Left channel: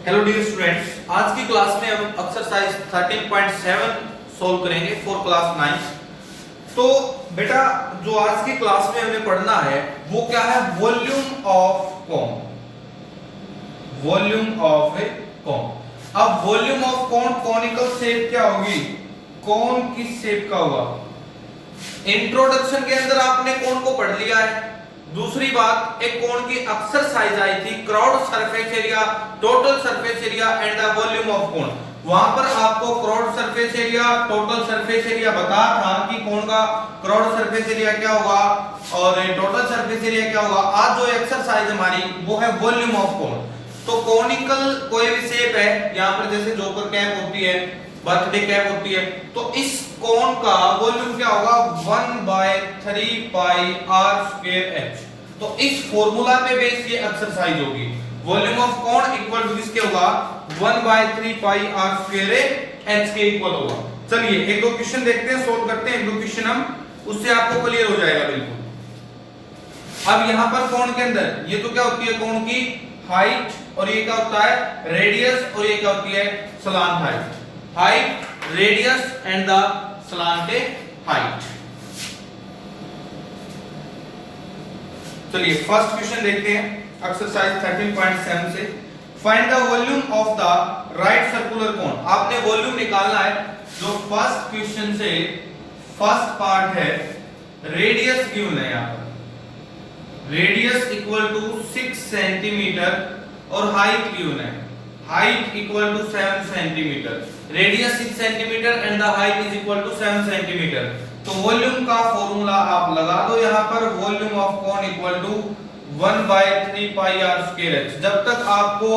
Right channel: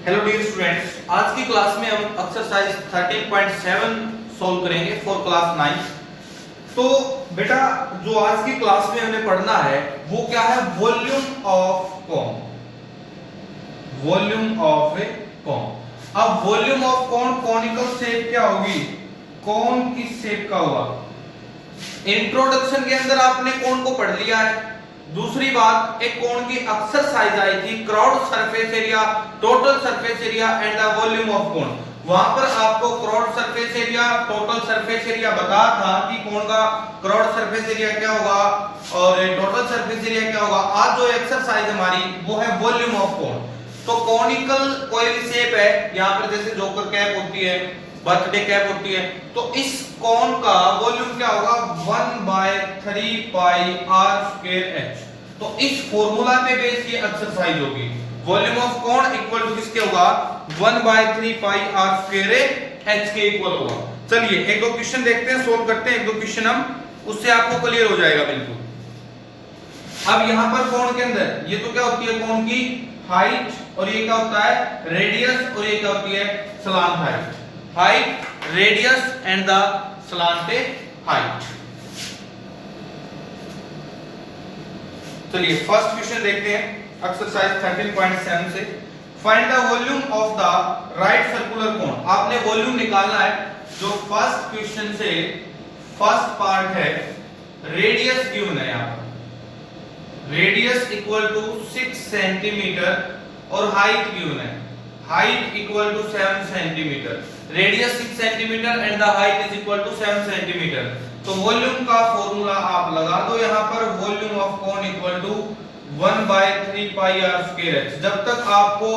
Hello dear students, आज की class में हम एक्सरसाइज 13.7 सॉल्व करेंगे फॉर क्लास 9। तो बेटा जो आज की क्लास में हमने पढ़ना है वो क्या है, volume of cone. Volume of a cone. अब volume of cone conical shape क्या होगी, कॉन किस शेप का होगा। इंट्रोडक्शन के अंदर आपने कॉन को पढ़ लिया है। दूसरी बात, एक कोण की एक्सरसाइज आई थी, cross surface area, total surface area and the volume of कोण। वहां पर आपको cross surface area, total surface area बता था कि कोण का क्रॉस सरफेस एरिया क्या होगा और टोटल सरफेस एरिया क्या होगा। आज जो एक्सरसाइज हमारी वो है वॉल्यूम ऑफ कोण। तो कॉनिकल कोई भी शेप है, यहाँ पर जैसे जोकर कैप होती है, बर्थडे कैप होती है, तो इस कोण का वॉल्यूम क्या होगा, 1/3 पाई आर स्क्वायर एच। तो इस फॉर्मूला पे बेस ये एक्सरसाइज होगी। वॉल्यूम ऑफ कोण इक्वल टू किसके होगा, 1/3 पाई आर स्क्वायर एच के इक्वल होगा। चलिए एक दो क्वेश्चन देखते हैं, सोल्व करते हैं एक दो क्वेश्चन हम, उससे आपको क्लियर हो जाएगा बिल्कुल। अब यहां पर कोण के अंदर ये तो क्या होती है, कोण की हाइट, और ये क्या होता है रेडियस, और ये क्या होती है slant height. Height, radius and the slant height. चलिए फर्स्ट क्वेश्चन देखते हैं एक्सरसाइज 13.7 से। Find the volume of the right circular cone. आपने वॉल्यूम निकालना है। जो फर्स्ट क्वेश्चन से फर्स्ट पार्ट है, रेडियस गिवन है यहां पर, रेडियस इक्वल टू 6 सेंटीमीटर और हाइट गिवन है, height equal to 7 centimetre. Radius 6 centimetre and the height is equal to 7 centimetre. तो वॉल्यूम का फॉर्मूला आप लगा दो यहां पर, volume of cone equal to 1/3 pi are square h. जब तक आपको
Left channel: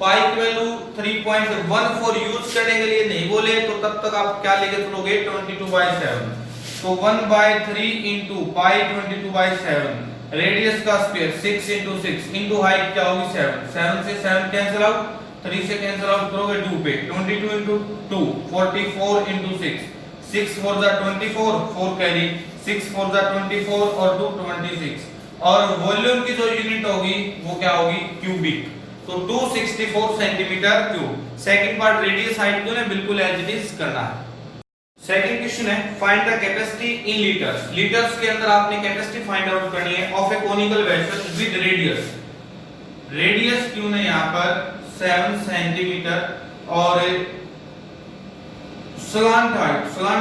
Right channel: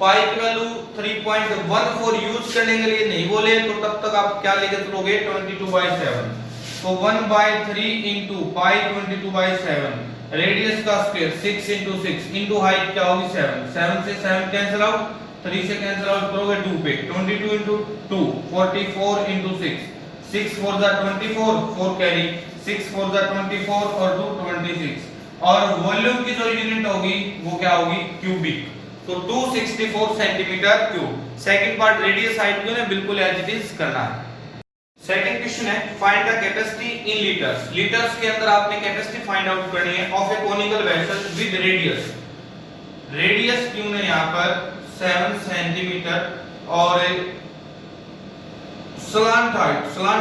पाई की वैल्यू 3.14 यूज करने के लिए नहीं बोले तो तब तक आप क्या लेके चलोगे, 22/7। तो 1/3 इंटू पाई 22/7, रेडियस का स्क्वायर 6 इंटू 6 इंटू हाइट क्या होगी 7, 7 से 7 कैंसिल आउट, 3 से कैंसिल आउट करोगे 2 पे, 22 इंटू 2 44 इंटू 6, 6 4 जा 24, 4 कैरी, 6 4 जा 24 और 2 26। और वॉल्यूम की जो यूनिट होगी वो क्या होगी, क्यूबिक। तो 264 centimetre cube. Second part radius height जो है बिल्कुल एज इट इज करना है। सेकंड क्वेश्चन है, find the capacity in litres. Litres के अंदर आपने कैपेसिटी फाइंड आउट करनी है of A conical vessel with radius. Radius क्यों है यहां पर 7 सेंटीमीटर और स्लांट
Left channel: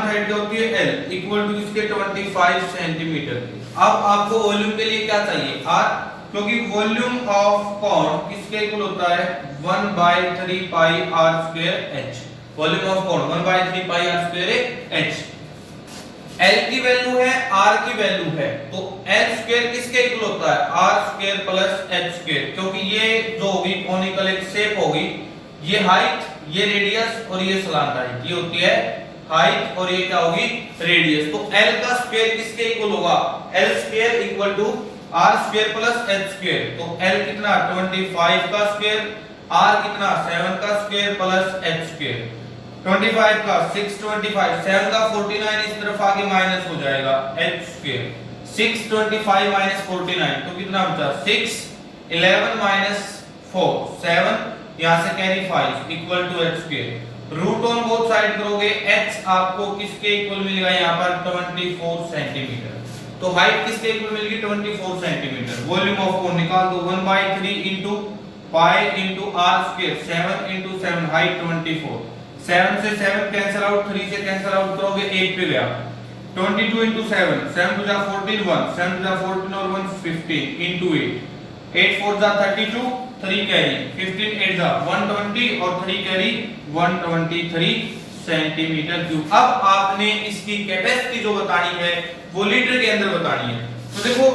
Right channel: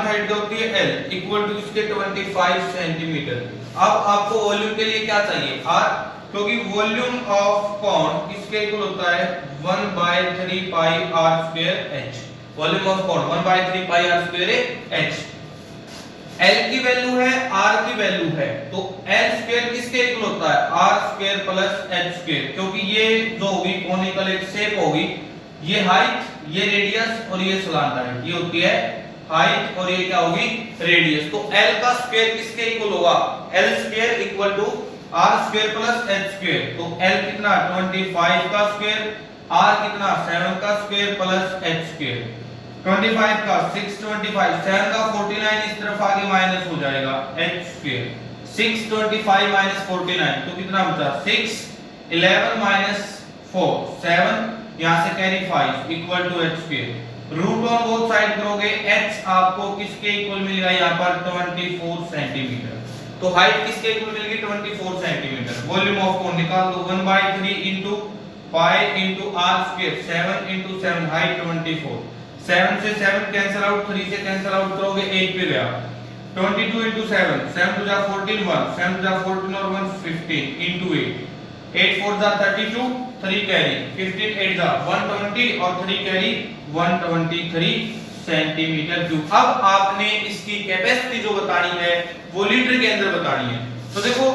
हाइट जो होती है L इक्वल टू इसके 25 सेंटीमीटर। अब आपको वॉल्यूम के लिए क्या चाहिए, R, क्योंकि वॉल्यूम ऑफ कोन किसके इक्वल होता है 1/3 pi are square H. Volume of cone 1/3 pi are square H. L की वैल्यू है, R की वैल्यू है, तो L स्क्वायर किसके इक्वल होता है, R square plus H square. क्योंकि ये जो होगी कोनिकल एक शेप होगी, ये हाइट, ये रेडियस और ये सलांत हाइट, ये होती है हाइट और ये क्या होगी रेडियस। तो L का स्क्वायर किसके इक्वल होगा, L square equal to R square plus H square. तो L कितना 25 का स्क्वायर, R कितना 7 का स्क्वायर प्लस H स्क्वायर। 25 का 625, 7 का 49 इस तरफ आगे माइनस हो जाएगा H स्क्वायर। 625 माइनस 49 तो कितना बचा 6, 11 माइनस 4 7, यहां से carry 5 equal to H square. Root on both side करोगे, H आपको किसके इक्वल मिलेगा यहाँ पर 24 सेंटीमीटर। तो हाइट किसके इक्वल मिलेगी 24 सेंटीमीटर। वॉल्यूम ऑफ कोन निकाल दो, 1/3 into pi into r square, 7 into 7 height 24, 7 से 7 कैंसिल आउट, 3 से कैंसिल आउट करोगे 8 पे गया, 22 इंटू 7, 7 2 जा 14 1, 7 2 जा 14 और 1 15 इंटू 8, 8 4 जा 32, 3 कैरी, 15 8 जा 120 और 3 कैरी 123 सेंटीमीटर क्यूब। अब आपने इसकी कैपेसिटी जो बतानी है वो लीटर के अंदर बतानी है। तो देखो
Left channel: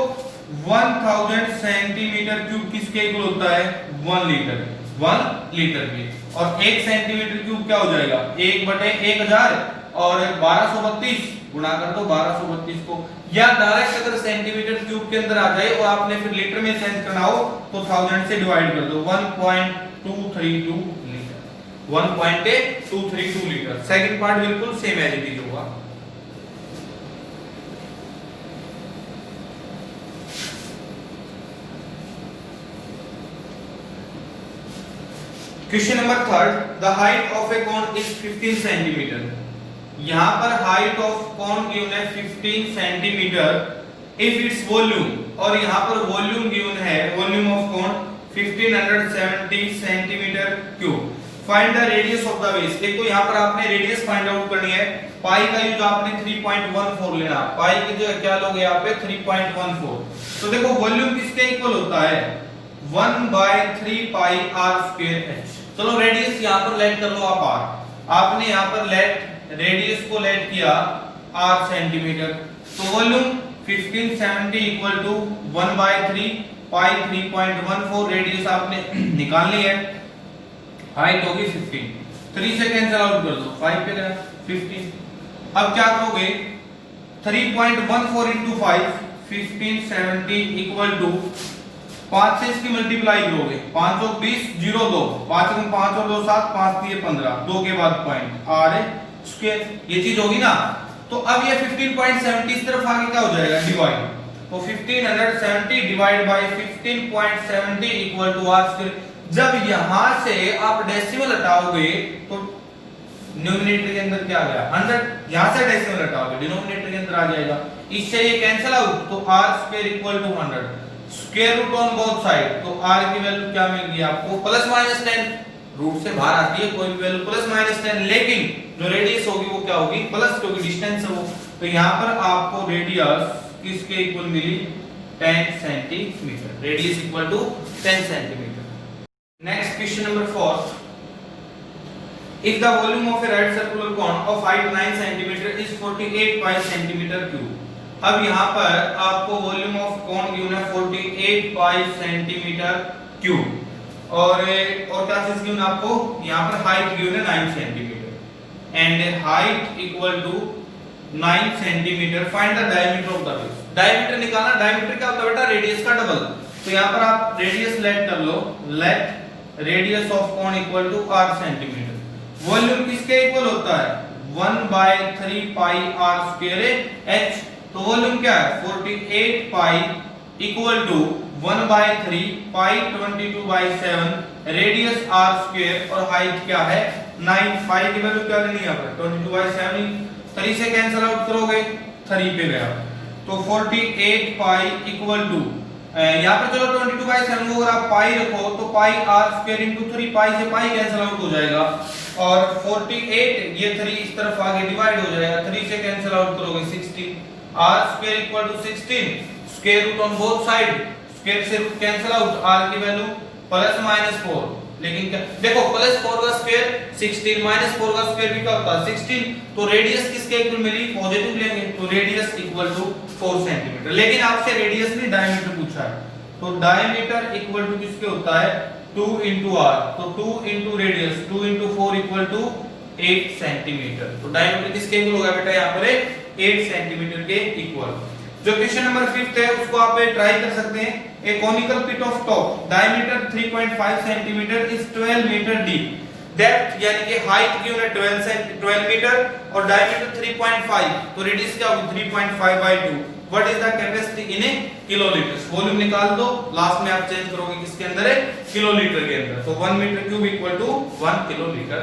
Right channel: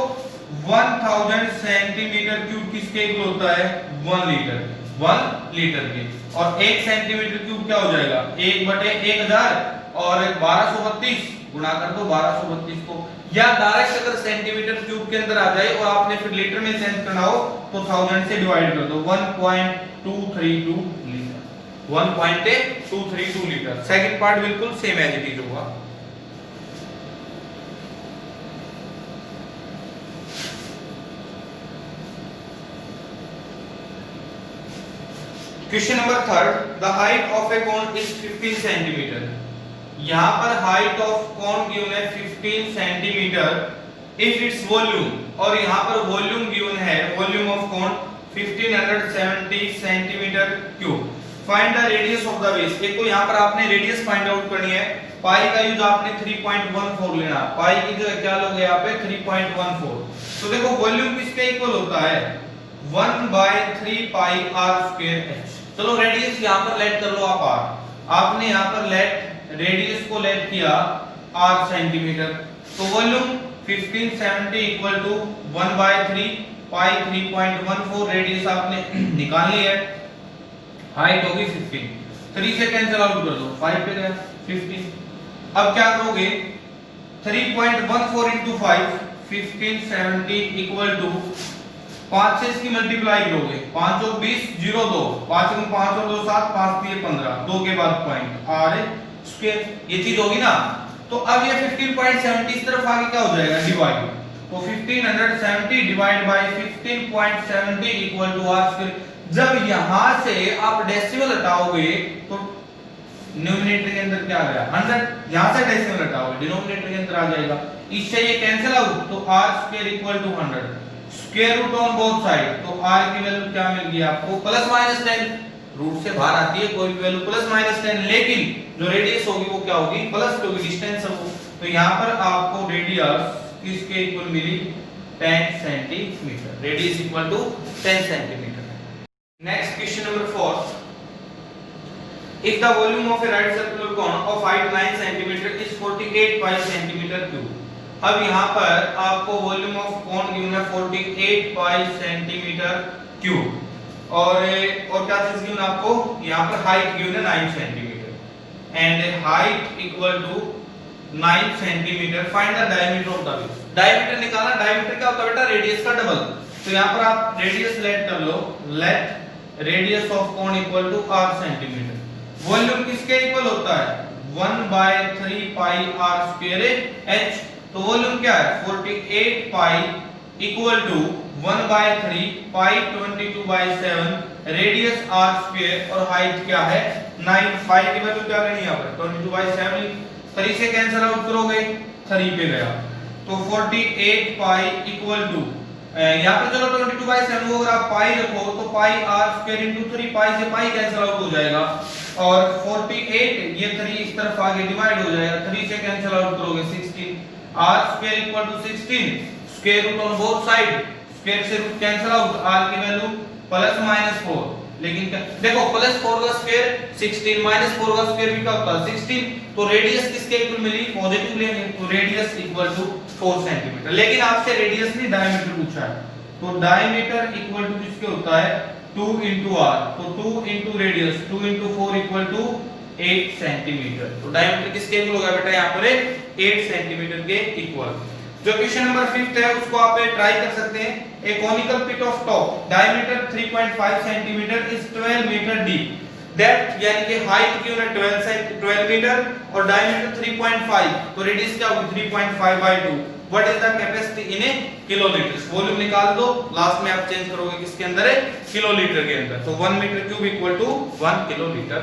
1000 सेंटीमीटर क्यूब किसके इक्वल होता है 1 लीटर, 1 लीटर के। और 1 सेंटीमीटर क्यूब क्या हो जाएगा 1/1000 और 1232 गुणा कर दो 1232 को, या डायरेक्ट अगर सेंटीमीटर क्यूब के अंदर आ जाए और आपने फिर लीटर में चेंज करना हो तो 1000 से डिवाइड कर दो, 1.232 लीटर, 1.232 लीटर। सेकंड पार्ट बिल्कुल सेम एज इट इज होगा। Question number third, the height of A cone is 15 centimetre. यहाँ पर हाइट ऑफ कोन गिवन है 15 सेंटीमीटर इफ इट्स वॉल्यूम, और यहाँ पर वॉल्यूम गिवन है, volume of cone 1570 centimetre cube. Find the radius of the base. एक तो यहाँ पर आपने रेडियस फाइंड आउट करनी है, पाई का यूज आपने 3.14 लेना, पाई की जो क्या लोगे यहाँ पे 3.14। तो देखो वॉल्यूम किसके इक्वल होता है 1/3 पाई r स्क्वायर h। चलो रेडियस यहाँ पर लेट कर लो आप r, आपने यहाँ पर लेट रेडियस को लेट किया r सेंटीमीटर, तो volume 1570 equal to 1/3 pi 3.14, radius आपने निकाल ली है, हाइट होगी 15, 3 से कैंसिल आउट कर दो, 5 पे गया 15। अब क्या करोगे 3.14 into 5 1570 इक्वल टू 5 से इसकी मल्टीप्लाई करोगे, 5 और 20 0 2, 5 गुण 5 और 2 7, 5 3 15, 2 के बाद पॉइंट r स्क्वायर, ये चीज होगी ना। तो अब ये 15.70 इस तरफ आगे क्या हो जाएगा डिवाइड, तो 1570 divide by 15.70 equal to r square. जब यहां से आप डेसिमल हटाओगे तो न्यूमरेटर के अंदर क्या आ गया 100, यहां से डेसिमल हटाओगे डिनोमिनेटर के अंदर आ जाएगा, इससे ये कैंसिल आउट, तो r square equal to 100, square root on both side, तो r की वैल्यू क्या मिल गई आपको प्लस माइनस 10, रूट से बाहर आती है कोई भी वैल्यू प्लस माइनस 10, लेकिन जो रेडियस होगी वो क्या होगी प्लस, क्योंकि डिस्टेंस है वो। तो यहां पर आपको रेडियस किसके इक्वल मिली 10 centimetre, radius equal to 10 centimetre. Next question number 4, if the volume of a right circular cone of height 9 cm is 48 pi centimeter cube। अब यहाँ पर आपको वॉल्यूम ऑफ कोन गिवन है 48 पाई सेंटीमीटर क्यूब, और क्या चीज गिवन आपको यहाँ पर हाइट गिवन है 9 centimetre and height equal to 9 centimetre. Find the diameter of the base. Diameter निकालना, डायमीटर क्या होता है बेटा रेडियस का डबल, तो यहाँ पर आप रेडियस लेट कर लो, let radius of cone equal to r centimetre. Volume किसके इक्वल होता है 1/3 पाई r स्क्वायर h, तो वॉल्यूम क्या है 48 pi equal to 1/3 pi 22/7, radius r square और हाइट क्या है 9, पाई की वैल्यू क्या लेनी है यहाँ पर 22/7, 3 से कैंसिल आउट करोगे 3 पे गया, तो 48 पाई इक्वल टू यहाँ पे चलो 22/7 अगर आप पाई रखो तो पाई r स्क्वायर इनटू 3, पाई से पाई कैंसिल आउट हो जाएगा, और 48 ये 3 इस तरफ आगे डिवाइड हो जाएगा, 3 से कैंसिल आउट करोगे 16, r square equal to 16, square root on both side, square से रूट कैंसिल आउट, r की वैल्यू प्लस माइनस 4, लेकिन क्या देखो प्लस 4 का स्क्वायर 16 माइनस 4 का स्क्वायर भी क्या होता है 16, तो रेडियस किसके इक्वल मिली पॉजिटिव लेंगे, तो रेडियस इक्वल टू 4 सेंटीमीटर। लेकिन आपसे रेडियस नहीं डायमीटर पूछा है, तो डायमीटर इक्वल टू किसके होता है 2 into r, तो 2 into radius 2 into 4 equal to 8 centimetre. तो डायमीटर किसके इक्वल होगा बेटा यहाँ पर 8 सेंटीमीटर के इक्वल। जो क्वेश्चन नंबर 5 है उसको आप ट्राई कर सकते हैं। A conical pit of top diameter 3.5 centimetre is 12 metre deep, depth यानी कि हाइट की उन्हें 12 मीटर और डायमीटर 3.5, तो रेडियस क्या होगी 3.5/2। What is the capacity in A kilolitre. Volume निकाल दो, लास्ट में आप चेंज करोगे किसके अंदर है किलोलीटर के अंदर, तो 1 metre cube equal to 1 kilolitre.